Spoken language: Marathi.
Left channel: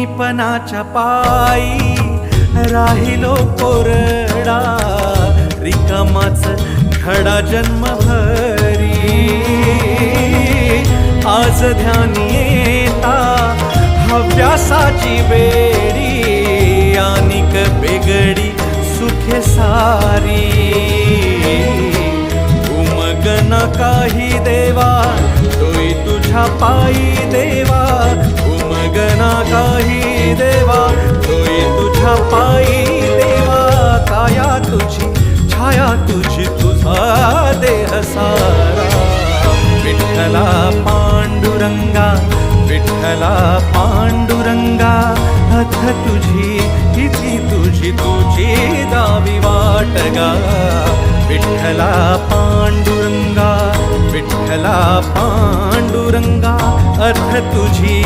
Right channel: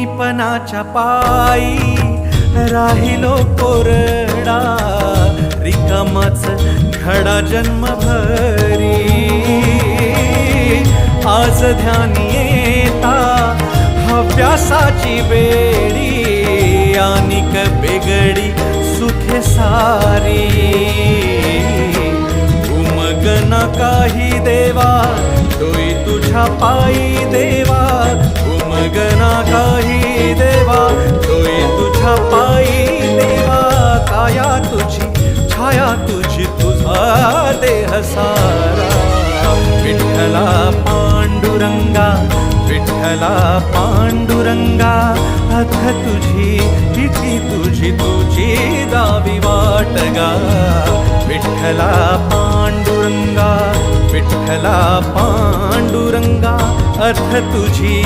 अज्ञानीपणाच्या पायी राहिलो कोरडा, रिकामाच घडा जन्मभरी। आज ध्यानी येता हव्यासाची बेडी, आनिक बेगडी सुखे सारी। उमगना काही देवा तोई तुझ्या पायी देवा, उमगना काही देवा तोई तुझ्या पायी देवा। काया तुझी छाया तुझी तुझा देह सारा, विठ्ठला पांडुरंगा विठ्ठला पांडुरंगा। अथ तुझी इति तुझी तुझी दावी वाटगा, विठ्ठला पांडुरंगा विठ्ठला पांडुरंगा। अथ तुझी